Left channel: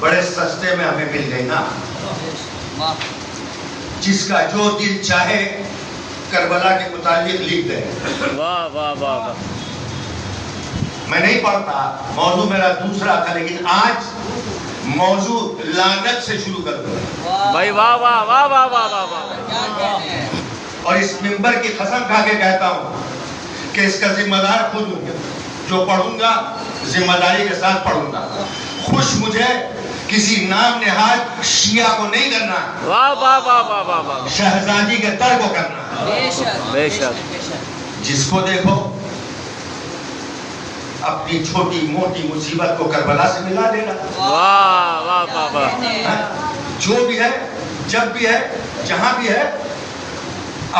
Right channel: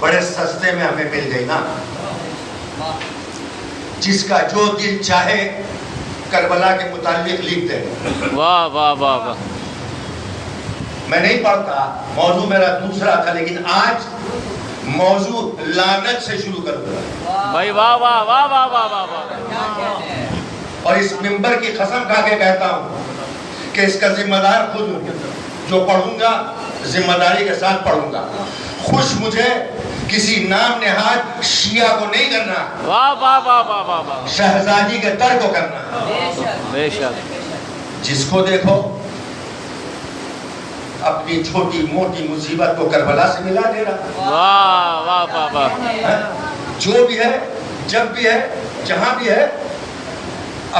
بڑے سستے میں ہمیں مل گئی نا. جس کا جو دل چاہے کربلا کے متعلق لکھ دے. واہ واہ واہ واہ. میں نہیں پڑھتا, موضوع میرا دوسرا تھا, لیکن آج موضوع لعنت سے شروع کر دوں. بھائی واہ واہ واہ واہ واہ واہ واہ. اور اس منبر کی قسم کھا کے کہتا ہوں کہ اس کا ذمہ دار خود ہوں. جو پڑھوں گا ذمہ داری کے ساتھ پڑھوں گا. خوش مجھے کسی نام نہاد شیعہ کو نہیں کرنا, واہ واہ واہ واہ واہ واہ. شہزادی کے تر کو کرنا. بے شک. جس کو دیکھو اپنی چھوٹی موٹی مصیبت کو کربلا سے ملا دے گا. واہ واہ واہ واہ. جو بھی ہے, جب بھی ہے, جہاں بھی ہے,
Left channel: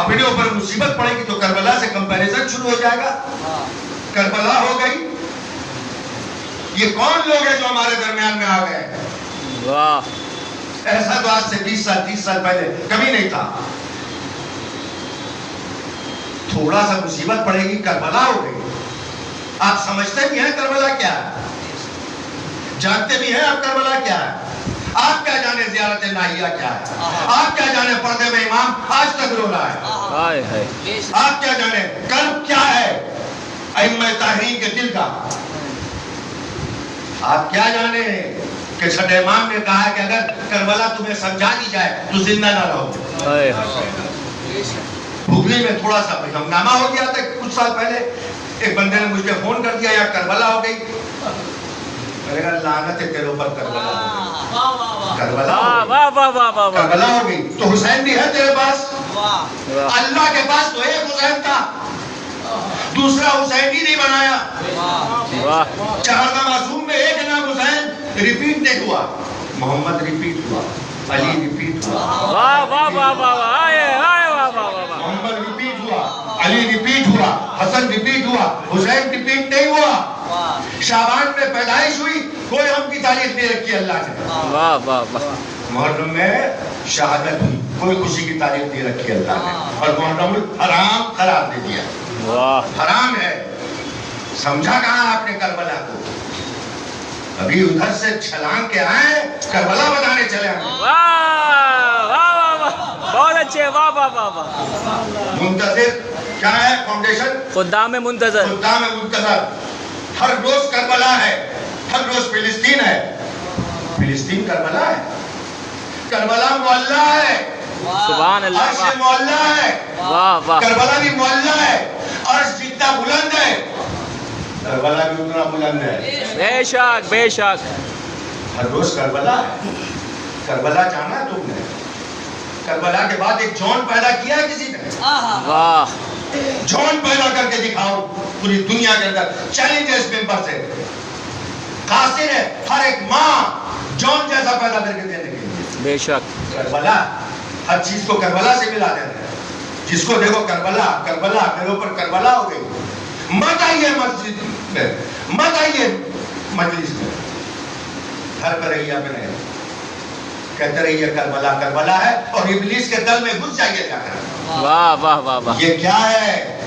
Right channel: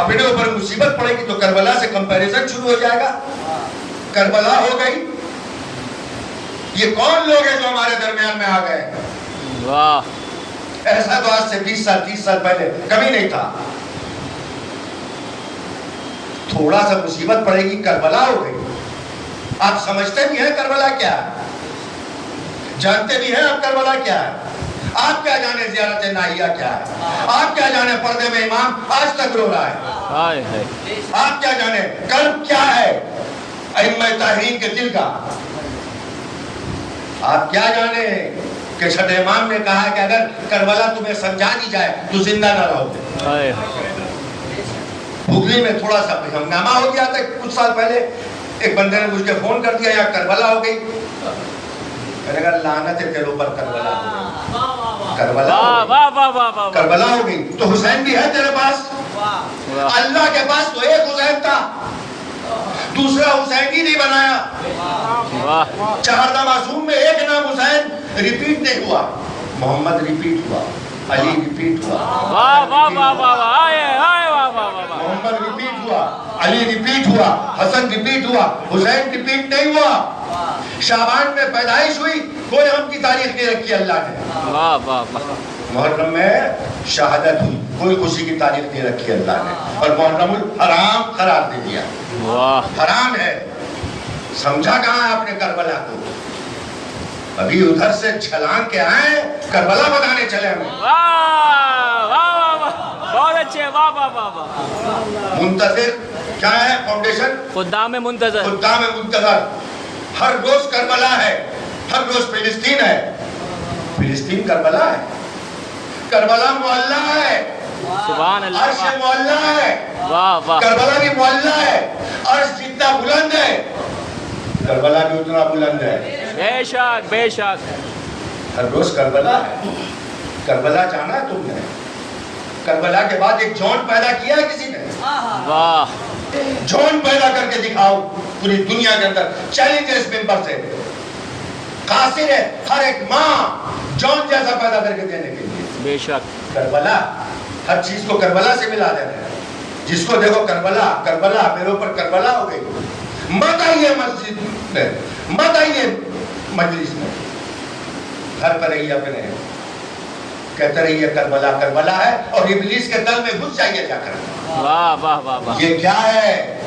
اپنے اوپر مصیبت پڑے گی تو کربلا سے کمپیریزن شروع ہو جائے گا. کربلا ہو گئی. یہ کون لوگ ہیں جو ہمارے درمیان میں آ گئے ہیں؟ واہ. ایسا تو آج سے 20 سال 30 سال پہلے کبھی نہیں تھا. تھوڑا سا مصیبت پڑے گی کربلا ہو گئی. آپ سمجھتے بھی ہیں کربلا کیا ہے, جانتے بھی ہیں آپ کربلا کیا ہے. آپ کیا جانے زیارت نائیہ کیا ہے, آپ کیا جانے پردے میں امام آج تک رو رہا ہے, ہائے ہائے. آپ کیا جانے کرب کیا ہے ائمہ طاہرین کے دل کا. آپ کیا جانے کہ صدر امام نے کہا کہ اگر کربلا تمہیں سمجھا دی جائے تو زندہ نہ رہو. ہائے ہائے. ہگلی میں تھوڑا سا ہنگامہ ہو گیا تھا کچھ سال پہلے. ایک بندے نے مجھ کے فون کر دیا یار کربلا ہو گئی. میں نے کہا لعنت ہے تیرے اوپر, کربلا ہو گئی. کربلا واہ واہ واہ واہ واہ. کربلا ہو گئی. تو حسین بھی ہے تیرے پاس. اللہ کے پاس تو ایک حسین تھا, دوسرا حسین ہی نہیں بنایا. واہ. 4 معصوم میں ایک نام حسین ریپیٹ نہیں ہوا. محمد ریپیٹ ہوا, علی ریپیٹ ہوا, واہ واہ واہ واہ واہ. ہائے ہائے واہ واہ واہ واہ. محمد ریپیٹ ہوا, علی ریپیٹ ہوا, حسن ریپیٹ ہوا, حسین ریپیٹ نہیں ہوا. شعبان میں پیدائش ہوئی, کوئی ہم کی تاریخ نہیں رکھی اللہ نے. واہ واہ واہ. محرم میں شہادت ہوئی, کوئی خوشی کی تاریخ نہیں رکھی اللہ نے. اور محرم حرام قرار دے دیا. واہ. حرام ہے. سمجھا کہاں ہے آپ نے کربلا کو؟ ابھی ادھر سے چھلانگ کے آئے, کربلا بنانے چلے ہم. واہ واہ واہ واہ. بہت اچھے. واہ واہ واہ واہ. منتظر کیا ہے فاؤنڈیشن؟ خدام منتظر. خدام منتظر. ہر روز کربلا ہے, ہر روز فلسطین ہے. فلسطین کربلا ہے. کربلا معلّہ ہے. سبحان اللہ. عرش معلّہ ہے. واہ واہ. کربلا بھی معلّہ ہے. عرش جتنا بلند ہے کربلا بھی اتنا بلند ہے. بے شک بے شک. ہر روز کربلا ہے. کربلا جانا ہے تم نے. کربلا کے بعد ایک جون پیدا کیا ہے کسی نے؟ واہ. جون پیدا کر کے دکھاؤ پوری دنیا کے اندر. چیلنج ہے اس ممبر سے. قاصر ہے ہر ایک ماں جون جیسا پیدا کر کے دینے کے لیے. بے شک. کربلا ہر چیز کو کربلا سے ملا دینا ہے. جس کو دیکھو کربلا کربلا, میرے اوپر کربلا ہو گئی. مت آئیے مسجد میں, مت آئیے مجلس میں, گھر پر رہیے اپنے, کہتے رہیے کربلا کربلا ہے, اور ابلیس کے دل میں گھس جائیے جا کر. واہ واہ واہ واہ. یہ کیا ہے؟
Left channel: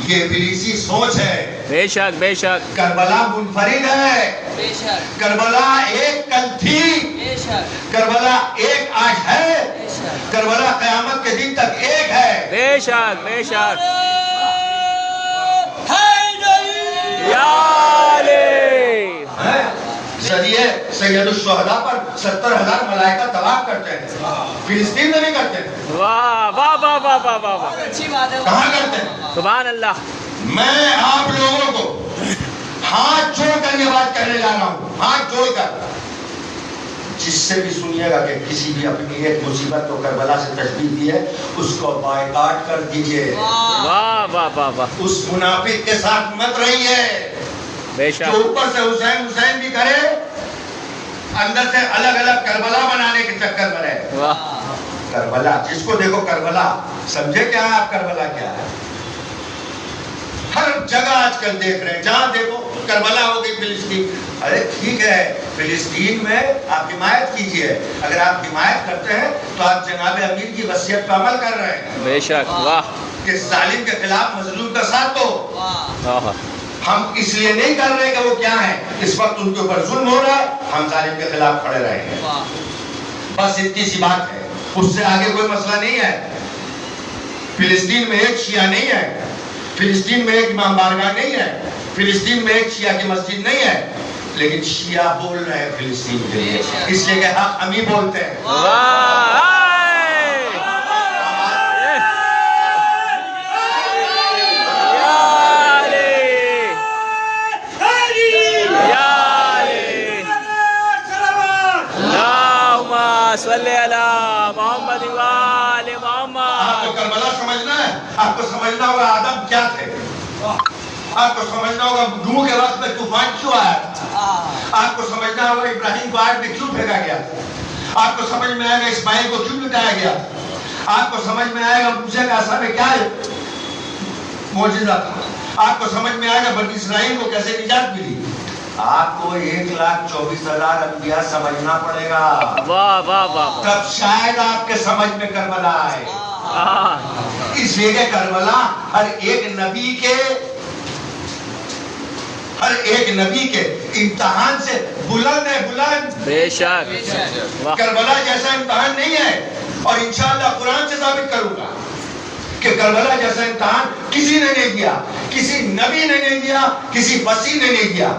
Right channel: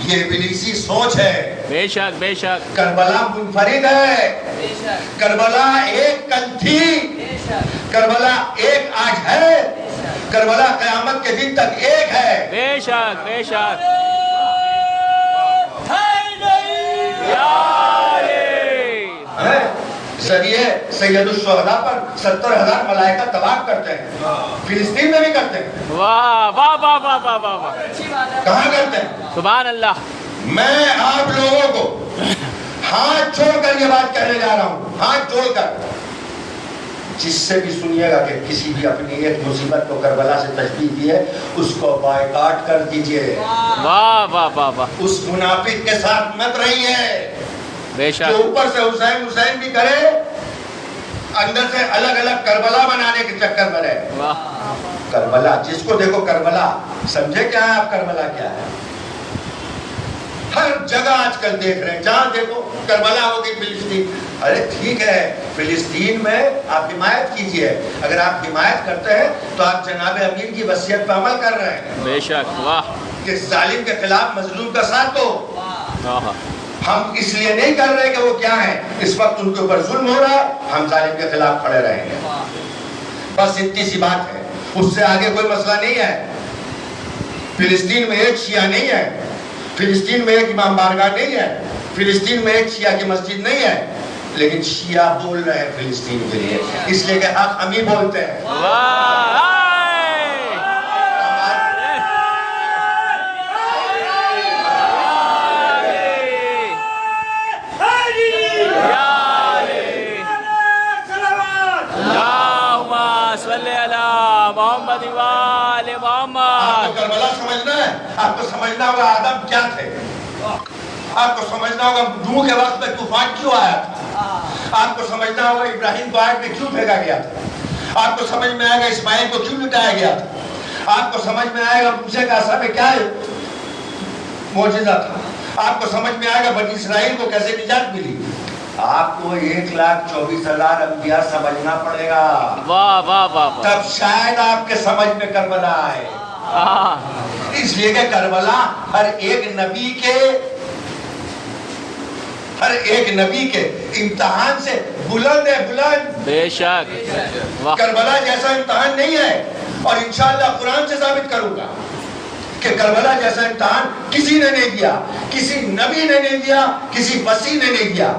یہ ابلیسی سوچ ہے. بے شک بے شک. کربلا منفرد ہے. کربلا ایک کل تھی, کربلا ایک آج ہے, کربلا قیامت کے دن تک ایک ہے. بے شک بے شک. ذریعے سید الشہداء پر 70,000 ملائکہ طواف کرتے ہیں. فلسطین میں بھی کرتے ہیں. واہ واہ واہ واہ واہ واہ واہ. کہاں کرتے ہیں؟ سبحان اللہ. میں آپ لوگوں کو ہاتھ جوڑ کر یہ بات کہنے جا رہا ہوں, ہاتھ جوڑ کر. جس سے بھی سنیے گا کہ کسی بھی اپنی ایک مصیبت کو کربلا سے تشبیہ دی ہے, اس کو بائیکاٹ کر دیجئے. واہ واہ واہ واہ. اس منافق کے ساتھ مت رہیے بے جو شک. اوپر سے حسین حسین بھی کرے, اندر سے الگ الگ کربلا بنانے کے چکر میں رہے. واہ. کربلا جس کو دیکھو کربلا. سمجھے کیا ہے آپ کربلا کیا ہے؟ ہر جگہ آج کل دیکھ رہے ہیں, جہاں دیکھو کربلا ہو گئی فلسطین. ارے ٹھیک ہے فلسطین میں آپ حمایت کیجئے, اگر آپ حمایت کرتے ہیں تو آپ جناب امیر کی وصیت پر عمل کر رہے ہیں بے شک. واہ. کہ ظالم کے خلاف مظلوم کا ساتھ دو. واہ. ہم اس لیے نہیں کر رہے کہ وہ کیا ہیں، اس وقت ان کے اوپر ظلم ہو رہا ہے، ہم ظالم کے خلاف کھڑے رہیں گے، بس اتنی سی بات ہے، اس سے آگے کوئی مسئلہ نہیں ہے۔ فلسطین میں ایک شیعہ نہیں ہے، فلسطین میں ایک امام بارگاہ نہیں ہے، فلسطین میں ایک شیعہ کی مسجد نہیں ہے، لیکن شیعہ بول رہے ہیں فلسطین کے لیے، اس لیے کہ حق ہم ہی بولتے ہیں۔ محمد وآل محمد۔ آپ کو کربلا سمجھنا ہے، آپ کو سمجھنا ہوگا آدم کیا تھے، آپ کو سمجھنا ہوگا نوح کے وقت میں طوفان کیوں آیا تھا، آپ کو سمجھنا ہوگا ابراہیم کو آگ میں کیوں پھینکا گیا تھا، آپ کو سمجھ میں آئے گا اسماعیل کو کیوں لٹایا گیا تھا، آپ کو سمجھ میں آئے گا موسیٰ کا عصا میں کیا معجزہ تھا، آپ کو سمجھ میں آئے گا بنی اسرائیل کو کیسے نجات ملی۔ آپ کو 1,24,000 انبیاء سمجھنا پڑے گا، واہ واہ واہ، تب شاید آپ کے سمجھ میں کربلا آئے۔ اس لیے کہ کربلا ہر ایک نبی کے امتحان سے بلند ہے، بلند، بے شک۔ کربلا جیسا امتحان نہیں ہے، اور انشاءاللہ قرآن سے ثابت کروں گا کہ کربلا جیسا امتحان کسی نے نہیں دیا، کسی نبی نے نہیں دیا، کسی وصی نے نہیں دیا،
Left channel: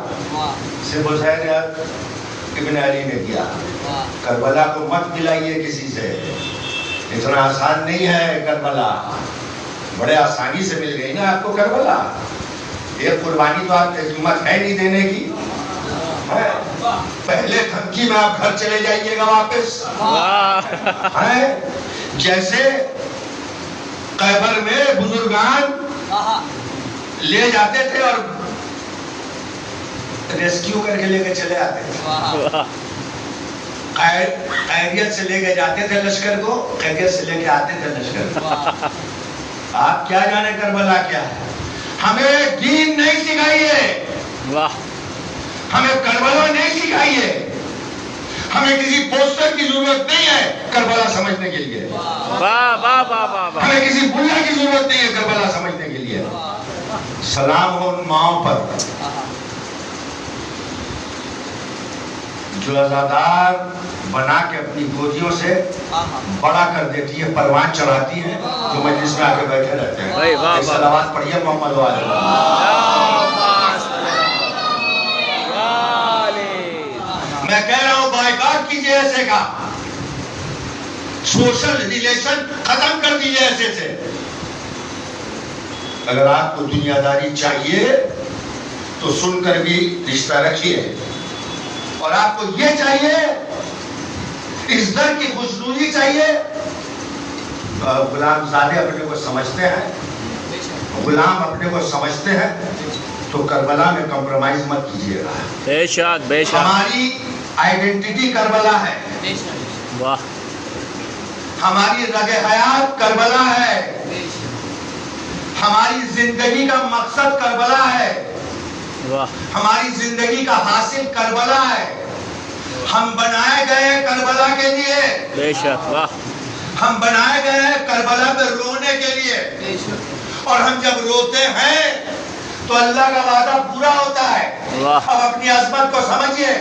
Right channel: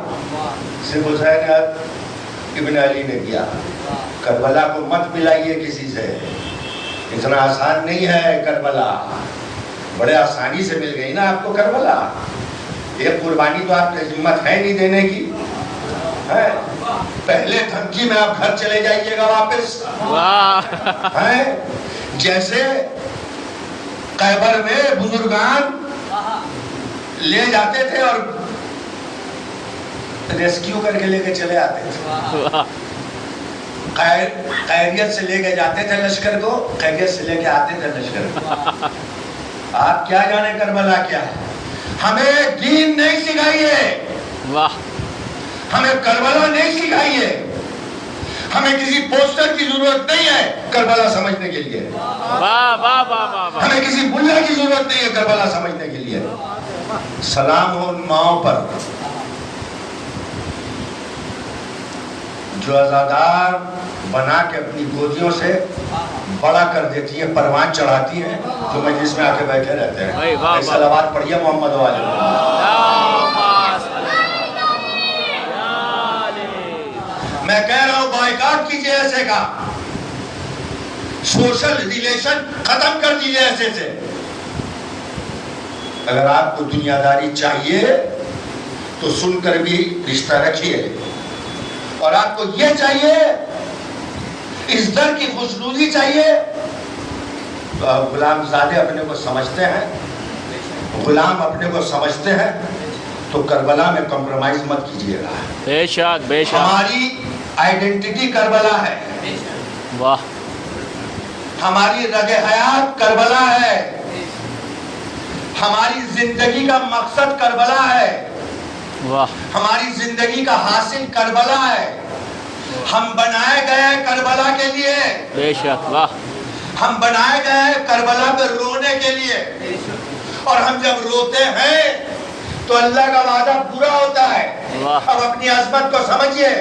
صرف حسین ابن علی نے دیا۔ کربلا کو مت ملائیے کسی سے، اتنا آسان نہیں ہے کربلا، بڑے آسانی سے مل گئی نا آپ کو کربلا، یہ قربانی تو آپ کی ہمت ہے نہیں دینے کی، پہلے دھمکی میں آپ گھر چلے جائیے گا واپس، جیسے خیبر میں بزرگان لے جاتے تھے اور ریسکیو کر کے لے کے چلے آتے تھے، خیریت سے لے کے جاتے تھے لشکر کو، خیریت سے لے کے آتے تھے لشکر کو۔ آپ کیا جانے کربلا کیا ہے، ہمیں دین نہیں سکھائیے، ہمیں کربلا نہیں سکھائیے، ہمیں کسی پوسٹر کی ضرورت نہیں ہے کربلا سمجھنے کے لیے، ہمیں کسی ملا کی ضرورت نہیں ہے کربلا سمجھنے کے لیے۔ سلام ہو ان ماؤں پر جو ازادار بنا کے اپنی گودیوں سے بڑا کر دیتی ہیں، پروان چڑھاتی ہیں، جو مجلس میں آ کے بیٹھے رہتے ہیں۔ صلوات پڑھیے محمد والے۔ میں کہہ رہا ہوں بائیکاٹ کیجئے ایسے کا، سوشل ریلیشن ختم کر دیجئے ایسے سے۔ اگر آپ کو دنیا داری چاہیے تو سن کر بھی رشتہ رکھیے، اور آپ کو یہ چاہیے، اس در کی خوشنودی چاہیے، تو آپ غلام زادے اپنے کو سمجھتے ہیں، غلام اپنے کو سمجھتے ہیں، تو کربلا میں کمپرومائز مت کیجیے گا۔ بے شک بے شک، ہماری آئیڈینٹی کربلا ہے، واہ، ہماری رگ حیات کربلا ہے، ہماری زندگی کا مقصد کربلا ہے، واہ، ہماری زندگی کا حاصل کربلا ہے، ہم بنائے گئے کربلا کے لیے، بے شک، واہ، ہم بنائے گئے ہیں کربلا پہ رونے کے لیے، اور ہم جب روتے ہیں تو اللہ کا وعدہ پورا ہوتا ہے۔ اب اپنی عظمت کو سمجھیے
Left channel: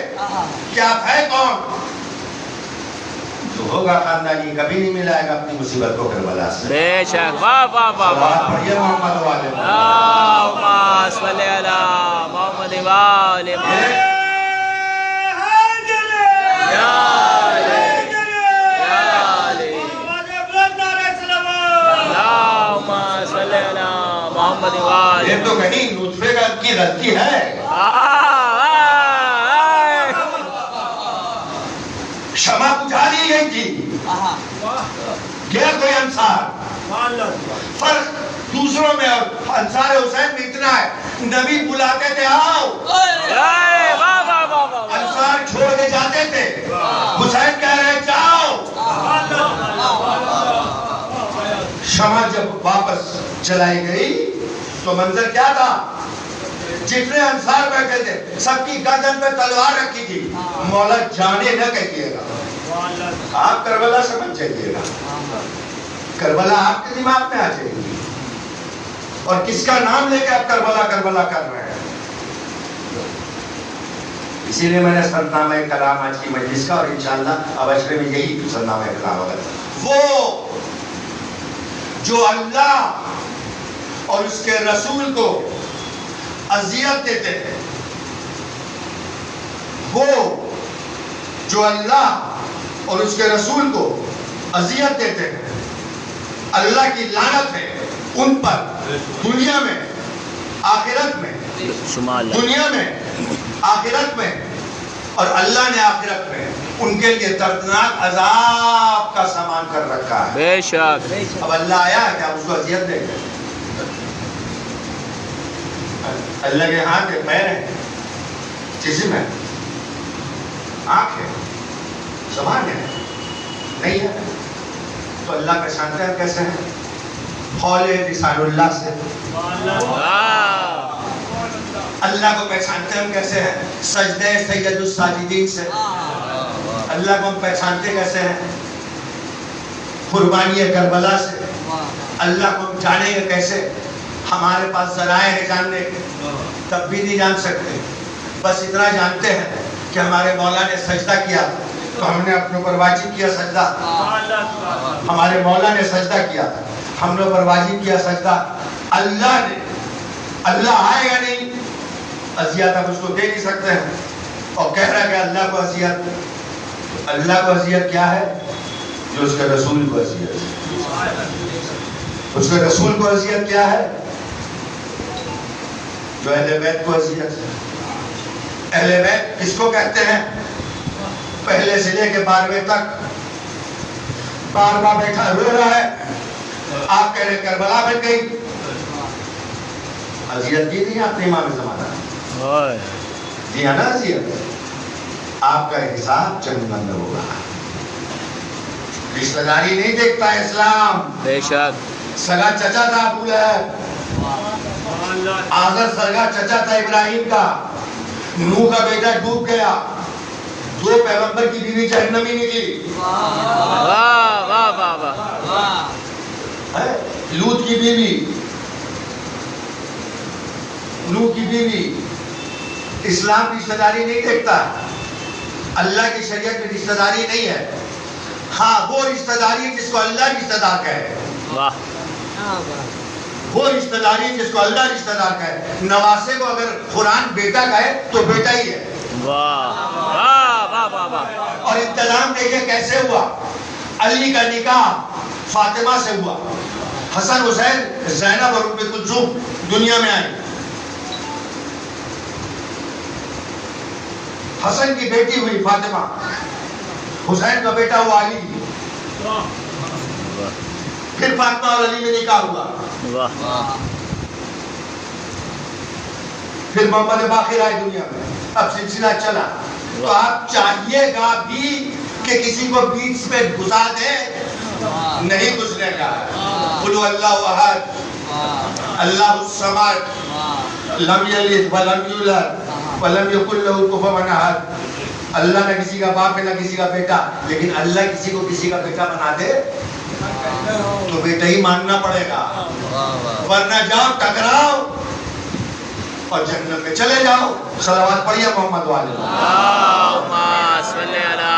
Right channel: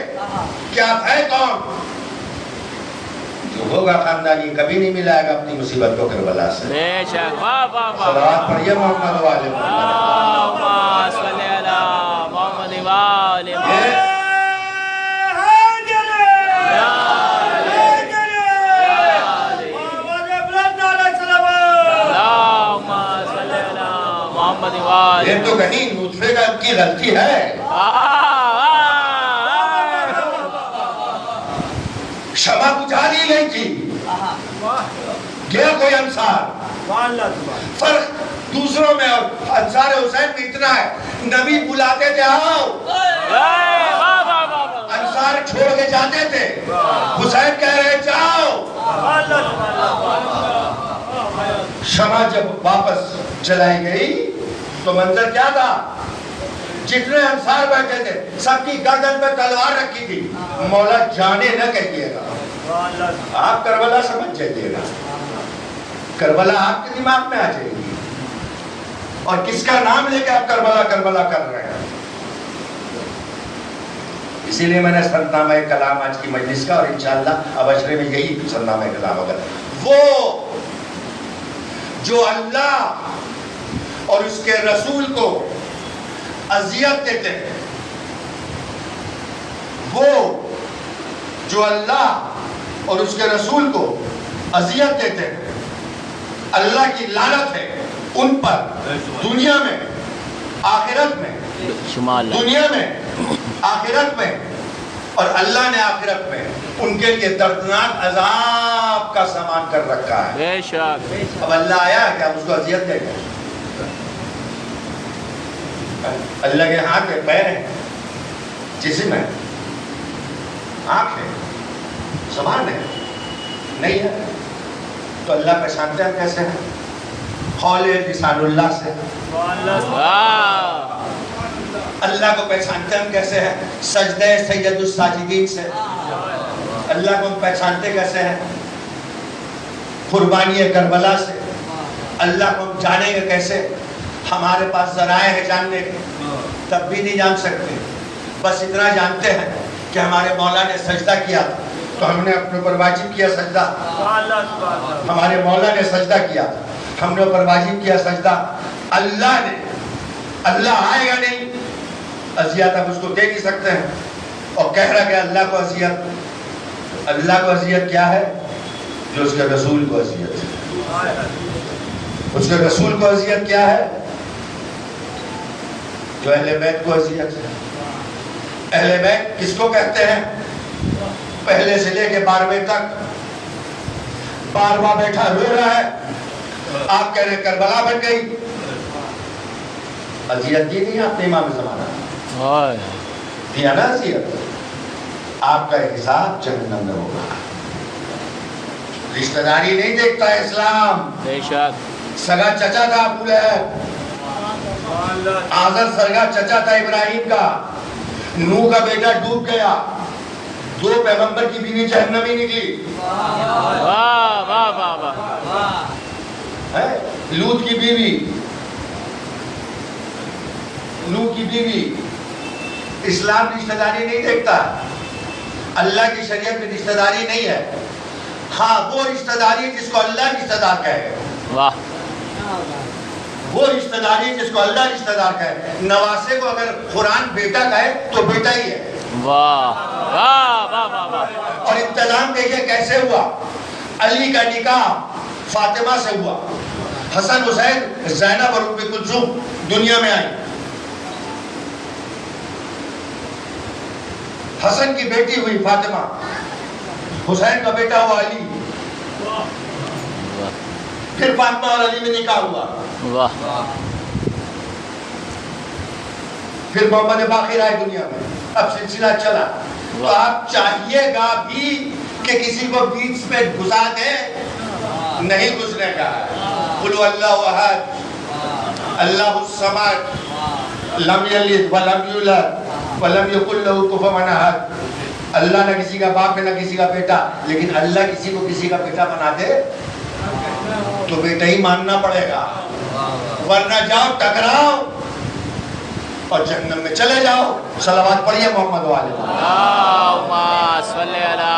کہ آپ ہے کون، جو ہوگا خاندانی کبھی نہیں ملائے گا اپنی مصیبت کو کربلا سے۔ بے شک، واہ واہ واہ، صلوات پڑھیے محمد والے۔ اللہم صلی علی محمد وآل محمد۔ یہ تو کہیں نطفے کی غلطی ہے، شمع بجھا دی گئی تھی، گیا کوئی انصار، فرق دوسروں میں اور انصار حسین میں اتنا ہے، نبی بلاتے تھے آؤ، انصار چھوڑ کے جاتے تھے، حسین کہہ رہے جاؤ۔ شمع جب واپس جلائی گئی تو منظر کیا تھا، جتنے انصار بیٹھے تھے سب کی گردن پہ تلوار رکھی تھی، مولا جانے نہ کہیے گا، آپ کربلا سمجھ جائیے گا، کربلا آپ کے دماغ میں آ جائے گی، اور کس کا نام لے کے آپ کربلا کربلا کر رہے ہیں۔ اسی لیے میں نے سرنامہ کلام آج کی مجلس کا، اور انشاءاللہ اب عشرے میں یہی سرنامہ کلام ہوگا. وہ جو اللہ اور اس کے رسول کو اذیت دیتے ہیں، وہ جو اللہ اور اس کے رسول کو اذیت دیتے ہیں، اللہ کی لعنت ہے ان پر دنیا میں آخرت میں، دنیا میں آخرت میں، اور اللہ نے آخرت میں ان کے لیے دردناک عذاب کا سامان کر رکھا ہے. بے شک. اب اللہ آیا ہے کہ ہم اس کو اذیت دیں گے؟ اللہ کے ہاتھ میں پیر ہے، جسم ہے، آنکھ ہے، زبان ہے، نہیں ہے تو اللہ پہچانتے ہیں کیسے ہیں؟ قول لسان اللہ سے. اللہ کو پہچانتے ہم کیسے ہیں؟ سجدہ سید الساجدین سے. اللہ کو ہم پہچانتے کیسے ہیں؟ قربانی کربلا سے. اللہ کو ہم جانیں گے کیسے؟ ہمارے پاس ذرائع ہے جاننے کے، تب بھی نہیں جان سکتے. بس اتنا جانتے ہیں کہ ہمارے مولا نے سجدہ کیا تو ہم نے اپنے اوپر واجب کیا سجدہ. ہمارے مولا نے سجدہ کیا، ہم نے اوپر واجب کیا سجدہ. اللہ نے، اللہ آئے یا نہیں؟ اذیت آپ اس کو دیکھ ہی سکتے ہیں. اور کہہ رہا کہ اللہ کو اذیت، اللہ کو اذیت کیا ہے؟ جو اس کے رسول کو اذیت ہے. اس کے رسول کو اذیت کیا ہے؟ جو اہل بیت کو اذیت ہے. اہل بیت کس کو کہتے ہیں؟ پہلے سے لے کے 12ویں تک 12واں بیٹھا رو رہا ہے، آپ کہہ رہے کربلا بن گئی. اذیت کی نہیں آپ نے امام زمانہ دیا نا اذیت. آپ کا حساب جہنم میں ہوگا. رشتہ داری نہیں دیکھتا ہے اسلام. بے شک. سگا چچا تھا ابو لہب، آزر سرگا چچا تھا ابراہیم کا. نوح کا بیٹا ڈوب گیا، 2 پیغمبر کی بیوی جہنمی نکلی. واہ واہ واہ واہ. لوط کی بیوی، نوح کی بیوی. اسلام رشتہ داری نہیں دیکھتا. اللہ کی شریعت میں رشتہ داری نہیں ہے. ہاں وہ رشتہ داری جس کو اللہ رشتہ دار کہے. واہ. وہ رشتہ داری جس کو اللہ رشتہ دار کہے. نواسے کو اگر قرآن بیٹا کہے تو بیٹا ہی ہے. واہ واہ واہ واہ واہ. اور انتظام دیکھیں کیسے ہوا. علی کا نکاح فاطمہ سے ہوا. حسن حسین زینب اور ام کلثوم دنیا میں آئی. حسن کی بیٹی ہوئی فاطمہ، حسین کا بیٹا ہوا علی. پھر فاطمہ اور علی میں نکاح ہوا. واہ. پھر محمد باقر آئے دنیا میں. اب سلسلہ چلا. تو آپ چاہیے گا بھی کہ کسی کو بیچ پہ گھسا دے؟ نہیں گھسنے کا. قل اللہ احد اللہ الصمد لم یلد ولم یولد ولم یکن لہ کفوا احد. اللہ نہ کسی کا باپ ہے نہ کسی کا بیٹا، لیکن اللہ کسی کو کسی کا بیٹا بنا دے تو بیٹا ہی ماننا پڑے گا، ورنہ جاؤ ٹکراؤ اور جہنم میں چلے جاؤ. صلوات پڑھیے محمد والے. اللہم صلی علی